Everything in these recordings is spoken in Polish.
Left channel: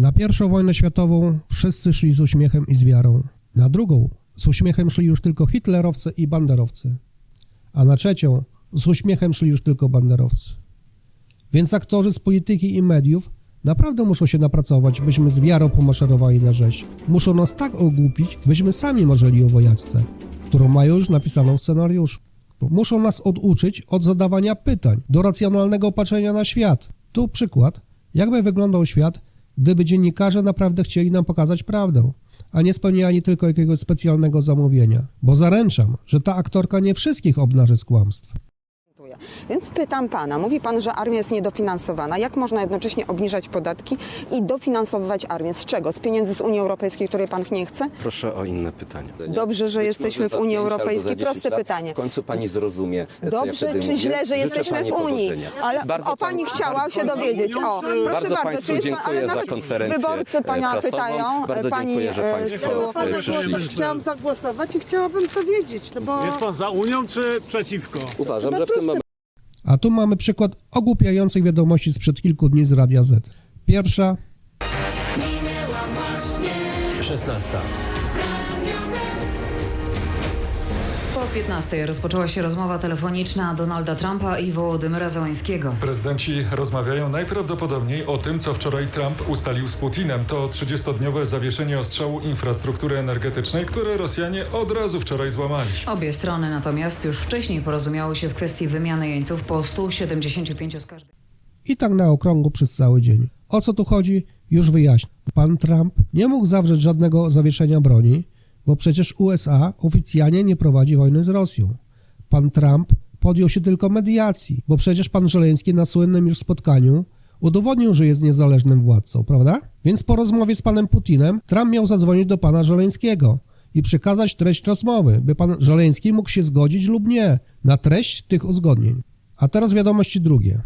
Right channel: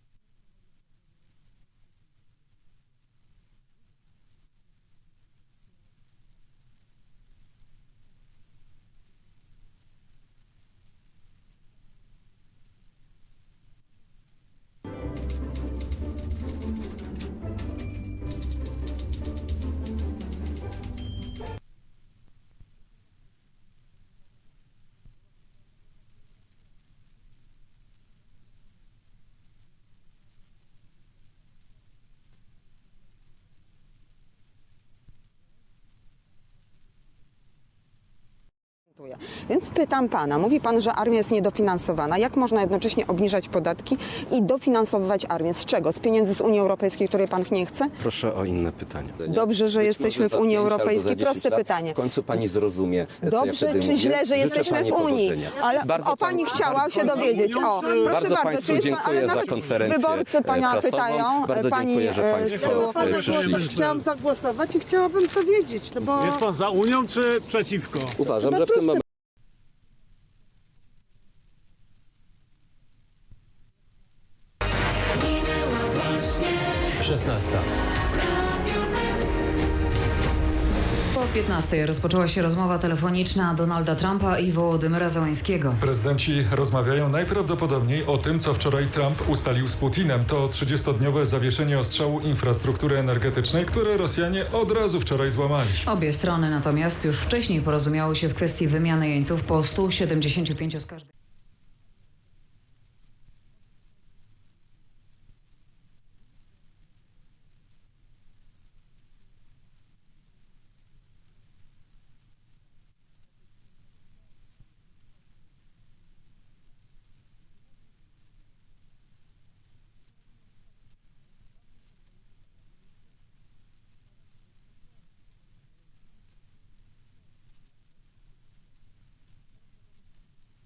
Na pierwszą wojnę światową wszyscy szli z uśmiechem i z wiarą. Na drugą z uśmiechem szli już tylko hitlerowcy i banderowcy. A na trzecią z uśmiechem szli już tylko banderowcy. Więc aktorzy z polityki i mediów naprawdę muszą się napracować, byśmy z wiarą pomaszerowali na rzeź. Muszą nas tak ogłupić, byśmy sami marzyli o wojaczce, którą mają już napisaną w scenariuszu. Muszą nas oduczyć od zadawania pytań, do racjonalnego patrzenia na świat. Tu przykład, jakby wyglądał świat, gdyby dziennikarze naprawdę chcieli nam pokazać prawdę, a nie spełniali tylko jakiegoś specjalnego zamówienia. Bo zaręczam, że ta aktorka nie wszystkich obnaży z kłamstw. Więc pytam pana, mówi pan, że armia jest niedofinansowana. Jak można jednocześnie obniżać podatki i dofinansowywać armię? Z czego? Z pieniędzy z Unii Europejskiej, której pan nie chce? Proszę o inne pytanie. Dobrze, że Być jesteśmy w Unii za za Europejskiej. 10 Proste lat pytanie. W końcu pani zrozumie. co ja Dobrze czy mówię. źle, że jesteśmy w Unii? Ale Bardzo o pani pan- chciała się dowiedzieć. O, proszę Bardzo bardzo, państwu czy jest pan, dziękuję ale za nawet konferencję wyborcy pana prasową. pytają, Bardzo pani dziękuję, że e, państwo, e, przyszli. Chciałam zagłosować i chciałabym to wiedzieć, no bo Jest pan za Unią czy przeciwko? Uważam, że w tym momencie A tu mamy przykład ogłupiających wiadomości sprzed kilku dni z Radia Z. Pierwsza 16. Po 15 rozpoczęła się rozmowa telefoniczna Donalda Trumpa i Wołodymyra Załańskiego. Prezydenci rozmawiają najprawdopodobniej o tym, co wczoraj Trump ustalił z Putinem. To 30-dniowe zawieszenie ostrzału infrastruktury energetycznej, które Rosjanie od razu wczoraj złamali. Obie strony natomiast już wcześniej porozumiały się w kwestii wymiany jeńców po 175 z każdej. i tak na okrągło przez cały dzień. O co tu chodzi? Już wyjaśnię. Pan Trump nie mógł zawrzeć żadnego zawieszenia broni, bo przecież USA oficjalnie nie prowadzi wojny z Rosją. Pan Trump podjął się tylko mediacji, bo przecież pan Żeleński na słynnym już spotkaniu udowodnił, że jest niezależnym władcą, prawda? Więc po rozmowie z panem Putinem Trump miał zadzwonić do pana Żeleńskiego i przekazać treść rozmowy, by pan Żeleński mógł się zgodzić lub nie na treść tych uzgodnień. A teraz wiadomości drugie.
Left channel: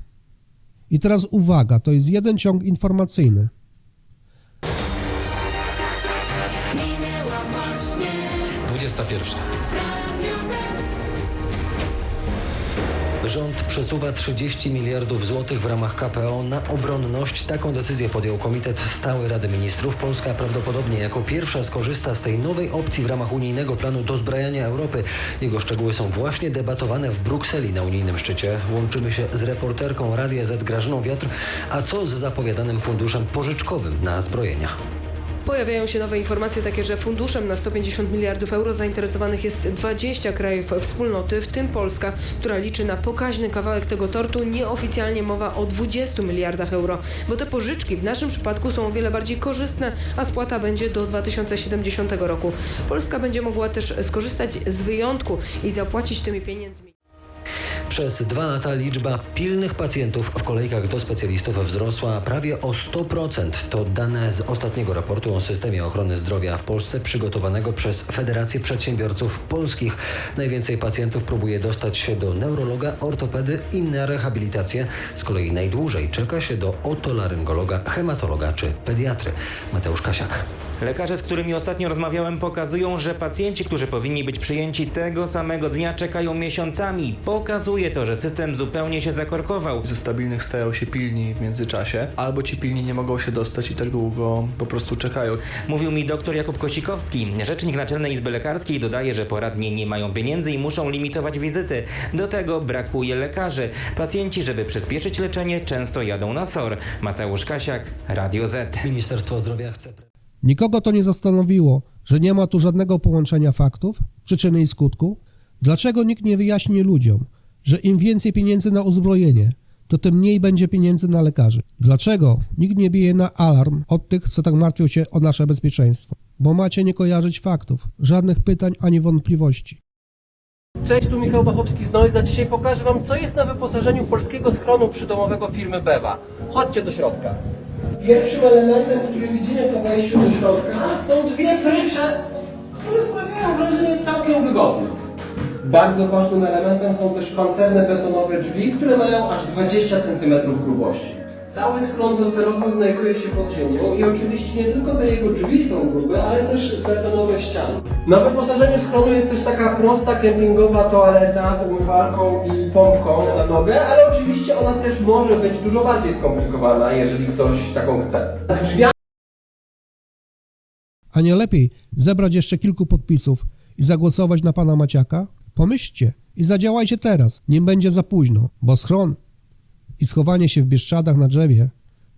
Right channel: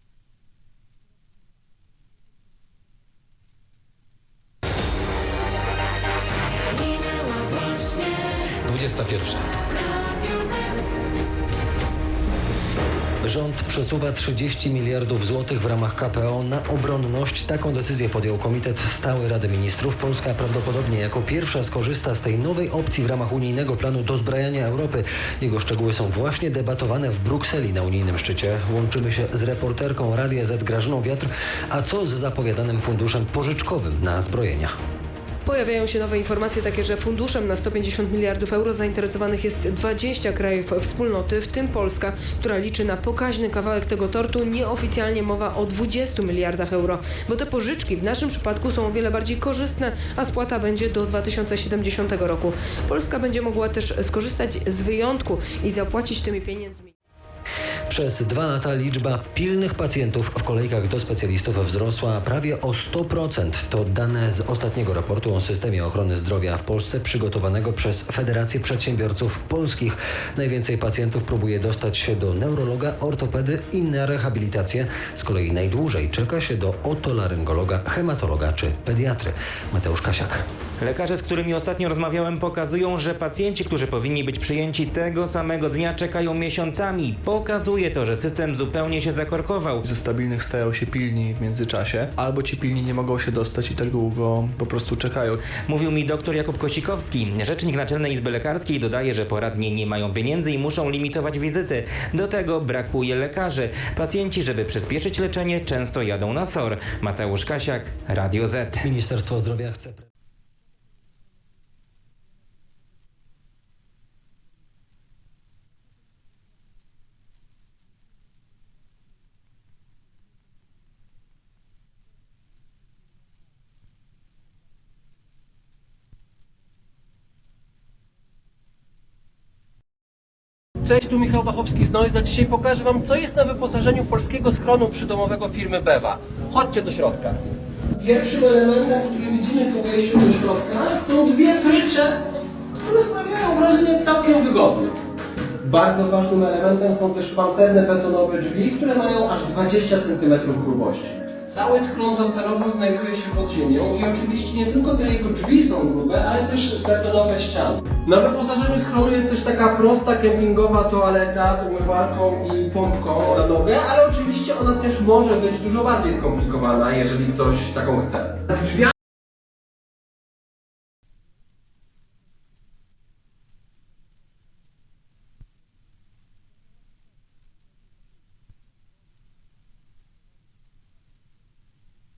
I teraz uwaga, to jest jeden ciąg informacyjny. 21. Rząd przesuwa 30 miliardów złotych w ramach KPO na obronność. Taką decyzję podjął Komitet Stały Rady Ministrów. Polska prawdopodobnie jako pierwsza skorzysta z tej nowej opcji w ramach unijnego planu dozbrajania Europy. Jego szczegóły są właśnie debatowane w Brukseli na unijnym szczycie. Łączymy się z reporterką Radia Z Grażyną Wiatr. A co z zapowiadanym funduszem pożyczkowym na zbrojenia? Pojawiają się nowe informacje takie, że funduszem na 150 miliardów euro zainteresowanych jest 20 krajów wspólnoty, w tym Polska, która liczy na pokaźny kawałek tego tortu. Nieoficjalnie mowa o 20 miliardach euro, bo te pożyczki w naszym przypadku są o wiele bardziej korzystne, a spłata będzie do 2070 roku. Polska będzie mogła też skorzystać z wyjątku i zapłacić tymi pieniędzmi. Przez dwa lata liczba pilnych pacjentów w kolejkach do specjalistów wzrosła prawie o 100%. To dane z ostatniego raportu o systemie ochrony zdrowia w Polsce przygotowanego przez Federację Przedsiębiorców Polskich. Najwięcej pacjentów próbuje dostać się do neurologa, ortopedy i na rehabilitację. Z kolei najdłużej czeka się do otolaryngologa, hematologa czy pediatry. Mateusz Kasiak. Lekarze, z którymi ostatnio rozmawiałem, pokazują, że pacjenci, którzy powinni być przyjęci tego samego dnia, czekają miesiącami. Pokazuje to, że system zupełnie się zakorkował. Ze stabilnych stają się pilni w międzyczasie, albo ci pilni nie mogą się dostać i tak długo po prostu czekają. Mówił mi dr Jakub Kosikowski. Rzecznik Naczelnej Izby Lekarskiej dodaje, że poradnie nie mają pieniędzy i muszą limitować wizyty. Do tego brakuje lekarzy. Pacjenci, żeby przyspieszyć leczenie, często jadą na SOR. Mateusz Kasiak, Radio Z. Ministerstwo Zdrowia chce... Nikogo to nie zastanowiło, że nie ma tu żadnego połączenia faktów, przyczyny i skutku. Dlaczego nikt nie wyjaśni ludziom, że im więcej pieniędzy na uzbrojenie, to tym mniej będzie pieniędzy na lekarzy? Dlaczego nikt nie bije na alarm od tych, co tak martwią się o nasze bezpieczeństwo? Bo macie nie kojarzyć faktów, żadnych pytań ani wątpliwości. Cześć, tu Michał Bachowski z Noiza. Dzisiaj pokażę Wam, co jest na wyposażeniu polskiego schronu przydomowego firmy Bewa. Chodźcie do środka. Pierwszym elementem, który widzimy po wejściu do środka, są dwie prycze, które sprawiają wrażenie całkiem wygodnym. Bardzo ważnym elementem są też pancerne betonowe drzwi, które mają aż 20 cm grubości. Cały schron docelowo znajduje się pod ziemią i oczywiście nie tylko te jego drzwi są grube, ale też betonowe ściany. Na wyposażeniu schronu jest też taka prosta kempingowa toaleta z umywalką i pompką na nogę, ale oczywiście ona też może być dużo bardziej skomplikowana, jeżeli ktoś taką chce. A nie lepiej zebrać jeszcze kilku podpisów i zagłosować na pana Maciaka? Pomyślcie i zadziałajcie teraz, nim będzie za późno, bo schron i schowanie się w Bieszczadach na drzewie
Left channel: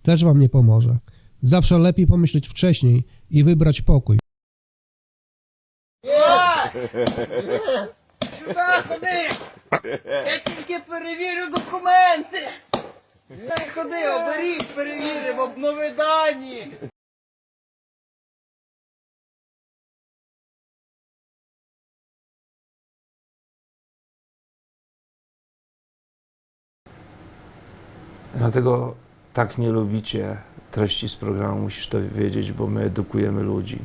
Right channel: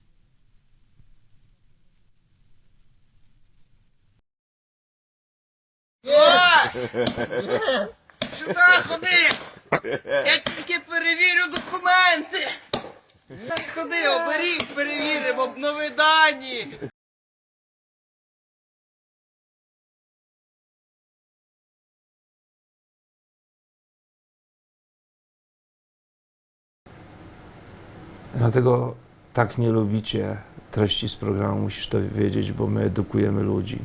też wam nie pomoże. Zawsze lepiej помислити wcześniej і вибрати покой. Сюди ходи! Я тільки перевірю документи! Ходи, оберіг, перевіримо, обнови дані! Dlatego tak nie lubicie treści z programu, musisz to wiedzieć, bo my edukujemy ludzi.